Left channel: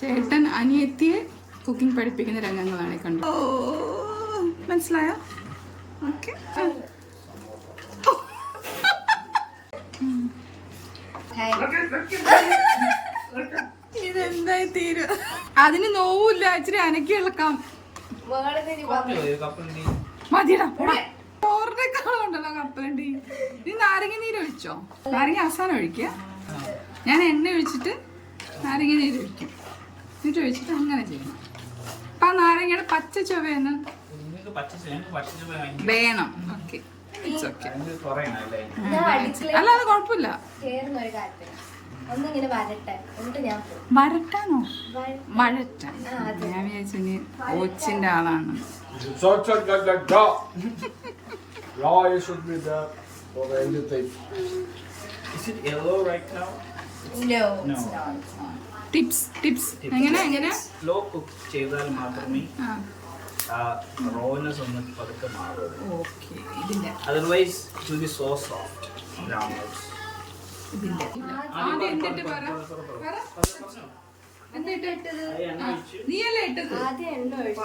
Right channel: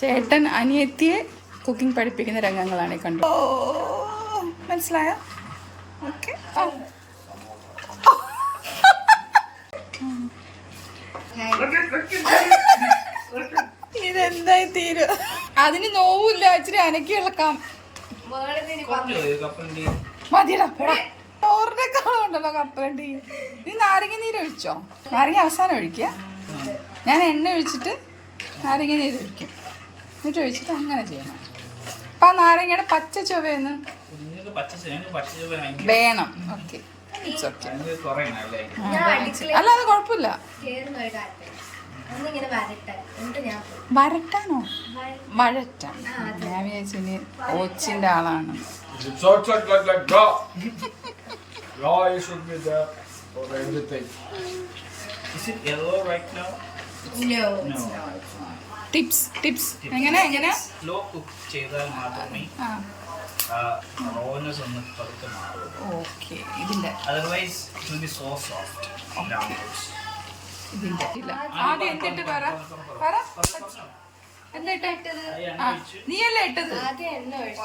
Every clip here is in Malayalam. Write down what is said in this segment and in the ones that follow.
ചേട്ടൻ അനിയത്തിയെ കുക്കിംഗ് പഠിപ്പിക്കുന്ന രംഗങ്ങളാണ് കണ്ടു. ഓ മനസ്സിലായോ? ഓക്കെ. ഇതെന്തായി തീരും? അതിന് നോവില്ല, ഇച്ചിരി അനക്കി ഇളക്കാം. മതിയടാ, ചോറിനേക്കാളുണ്ടല്ലോ കപ്പലണ്ടി. നീ നാരങ്ങ നീര് ഒഴിച്ചോ? നാരങ്ങ അവസാനം ഒഴിക്കുക. ഞാൻ എണ്ണ ഒഴിച്ചിട്ട് നാരങ്ങ നീര് ഒഴിക്കും, എന്നിട്ട് ഒഴിച്ചിട്ട് അങ്ങനെ ചെയ്യണം. അപ്പൊ ആ നാരങ്ങയുടെ പച്ച ചൊവയൊന്ന് വേണം. ഓക്കെ, അല്ല അത് കുഴപ്പമില്ല. വരട്ടാനോ? വഴറ്റാൻ. ഞാൻ വിചാരിച്ചു ഇനി ഓച്ചിന്റെ ആളാണ്. ടിപ്സ് എങ്ങനെ സ്ലോ കുക്ക് ചെയ്താൽ മാത്രമേ റോനെസ് ഒന്ന് പതുക്കെ മാറുള്ളൂ. ഓക്കെ. ഇതിന്റെ otherwise it will be so soft brown rice. ഇതിന്റെ ഇല്ല. ആദ്യം എന്തിട്ട് പറ എന്താ ഇട്ടത്? നീയല്ലേ ഇട്ടത്? ആദ്യം എണ്ണ ഒഴിച്ചു.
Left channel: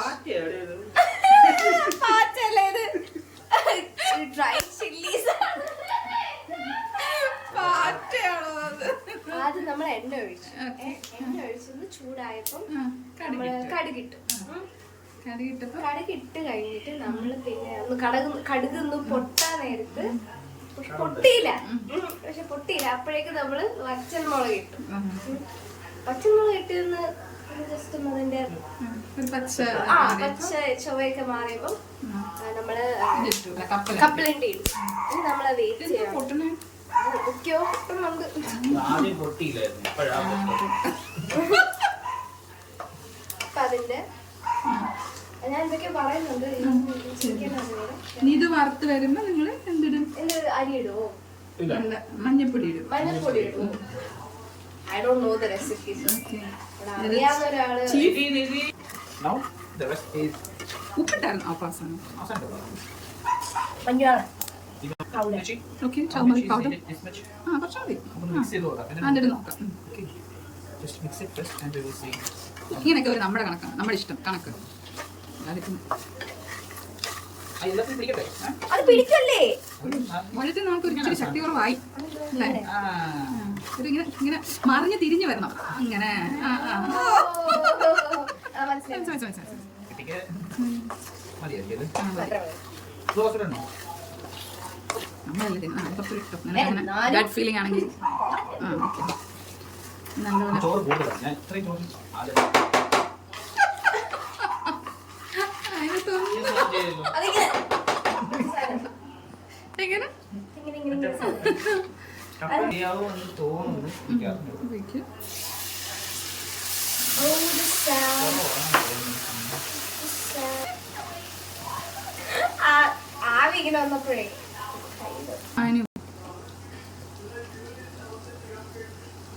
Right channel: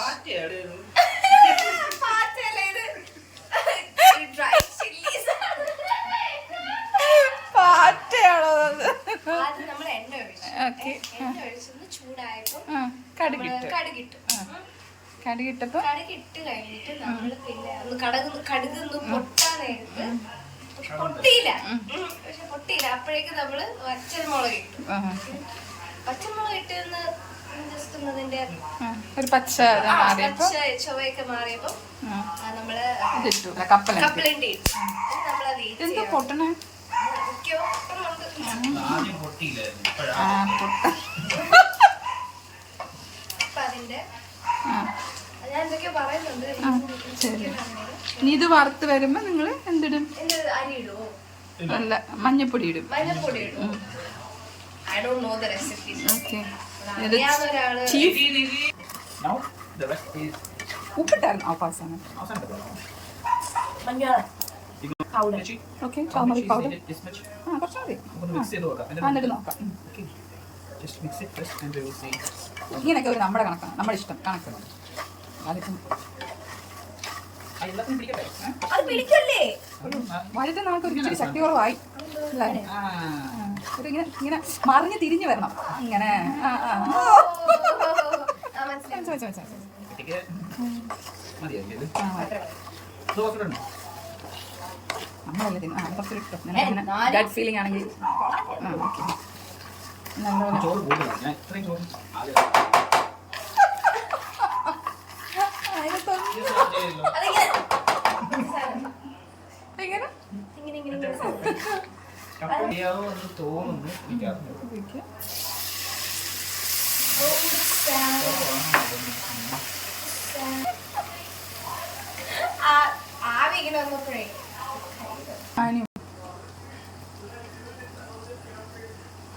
ആദ്യം നമ്മൾ എണ്ണ ഒഴിച്ചു. എണ്ണ ഒഴിച്ചൊന്ന് ചൂടായപ്പോൾ കടുകിട്ടപ്പോ കടുകിട്ട് കഴിഞ്ഞിട്ട് നമ്മള് പിന്നെ ഒന്ന് കടുകൊന്ന് പൊട്ടാൻ നേരത്ത് പൊട്ടിയില്ല. അപ്പോഴേക്കും നമ്മള് പച്ചമുളക് ഇട്ടു. പച്ചമുളക് ഇട്ടൊന്ന് ജസ്റ്റ് ഒന്ന് അതിന്റെ ഒരു പച്ച ചൊവയൊക്കെ മാറിയപ്പോ നമ്മള് കപ്പലണ്ടി ഇട്ടു. നമ്മള് വെയിറ്റ് ചെയ്യണം. അതിന്റെ ഞാൻ എന്തൊക്കെയോ പറയുന്നുണ്ട്. ഇത് വറുത്ത് വരുമ്പോ നിങ്ങള് എന്തിടും? അരി ഇടുവോ? അല്ല, മഞ്ഞപ്പൊടി ഇടും. I don't know the recipes. Okay. ഉപ്പിട്ടായിരുന്നു അവസാനം. Okay, turmeric powder. കുറച്ചുകൂടി എന്നിട്ട് നോക്കാം. ഇങ്ങനെയൊക്കെ ഒരു നമ്മുടെ കണക്കാണ്, നമ്മുടെ ഇഷ്ടം കണക്ക്. അതിപ്പം വഴുത നമുക്ക് ഒരു ഇച്ചിരി ശക്തി കുറവായി അല്ലേ? ഒരു ഇങ്ങനെ മറിഞ്ഞ് തിരിഞ്ഞു വരണം. ഇങ്ങനെ നമ്മളല്ലേ തിന്ന കുറച്ചൊരു ഇഷ്ടം. ഗഡ് ഫീലിംഗ് ആണെങ്കിൽ ഓക്കെ. നല്ലപോലെ എങ്ങനെ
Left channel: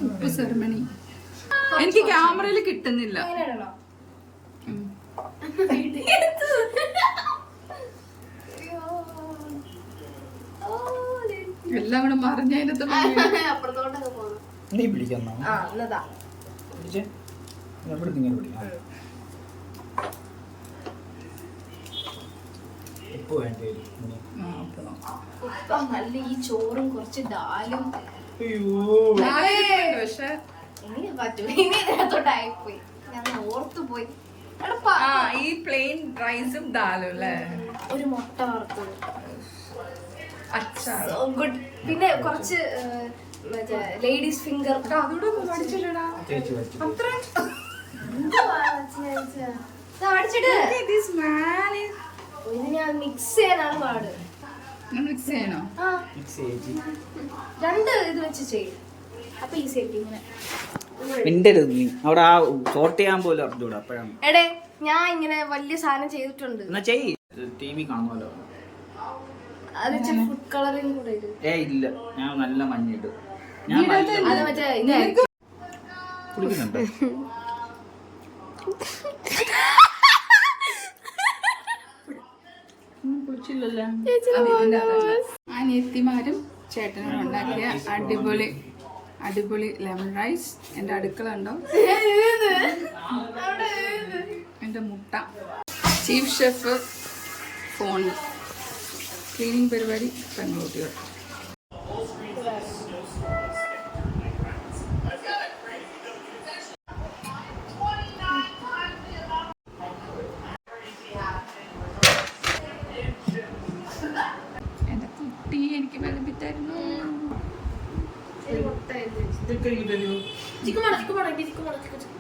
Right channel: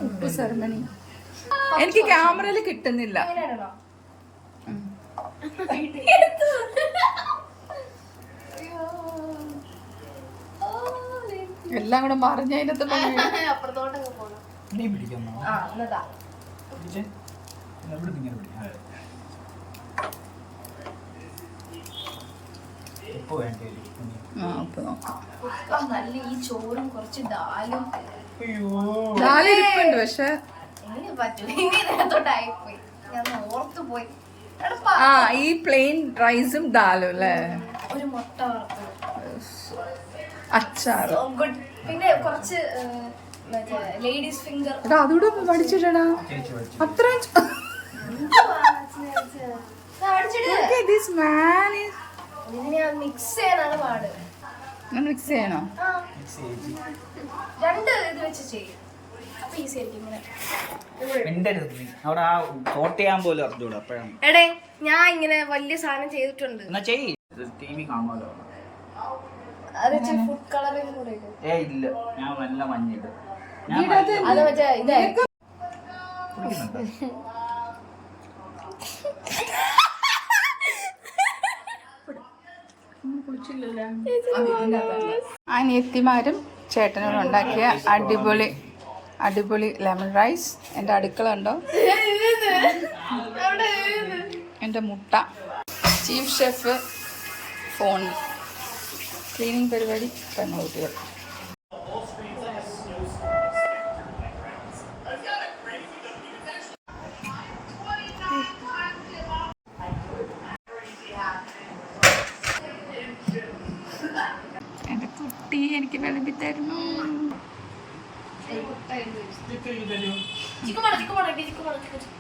ഉപ്പ് സെർമണി എനിക്ക് ക്യാമറയിൽ കിട്ടുന്നില്ല. എല്ലാം കൂടെ മറിഞ്ഞതിനകത്ത് അപ്പുറത്തോട്ടൊക്കെ പോകണം. നല്ല ഈ ചോറും കുറച്ച് ദാലും. പക്ഷെ എങ്ങനെ പറ്റും? ഇനി ഇതിനകത്തോട്ടായിപ്പോയി, ഞാൻ ഓർത്തു പോയി. ഈ പ്ലെയിൻ റൈസും ദാലും അല്ലേ? ഒരു മുട്ട വറുത്തത്, അച്ചാർ, ഗുഡ്. പിന്നെ കുറച്ച് മറ്റേ ലേഡീസ് ഫിംഗർ. അതുകൂടെ പഠിച്ചിട്ടാ അത്ര ഇതിനെ മിക്സ് ചെയ്യാനാണ് പാട്. മിക്സ് ചെയ്യണോ? രണ്ട് ഇത് വെച്ച് ചെയ്യും, അപ്പൊ ഈസി ആയിട്ട്. അവിടെ ആ സോർട്ട് ചെയ്യാൻ പോലും അറിഞ്ഞൂടാ. അപ്പോഴാണ് എടേ ഞാൻ ഇങ്ങനെ വലിയ സാധനം ചെയ്തിട്ടുണ്ട്. എന്നാ ചെയ്യ്, TV കാണുമല്ലോ. അത് ഫുഡ് കളറിങ് കൂടെ ഇല്ല, ഞാൻ നല്ല മഞ്ഞിട്ട് അത് മറ്റേ ഇതായിരിക്കും. അനിയത്തിമാരും ചേട്ടനോട് ഉണ്ടാക്കിയ അടിപൊളി ലെമൺ റൈസ്. എൻ്റെ അടുക്കള ഉണ്ടോ? എൻ്റെ മുട്ട. ചീഫ് ഷെഫ് ഫോണിൽ. ക്ലീനിങ് പരിപാടി പെൺകുട്ടികൾ. എൻ്റെ കുട്ടി എനിക്ക് വിളമ്പി തരുന്നു. ചിക്കൻ വേണം, ചിക്കൻ വേണം, ചിക്കൻ വേണം, ചിക്കൻ.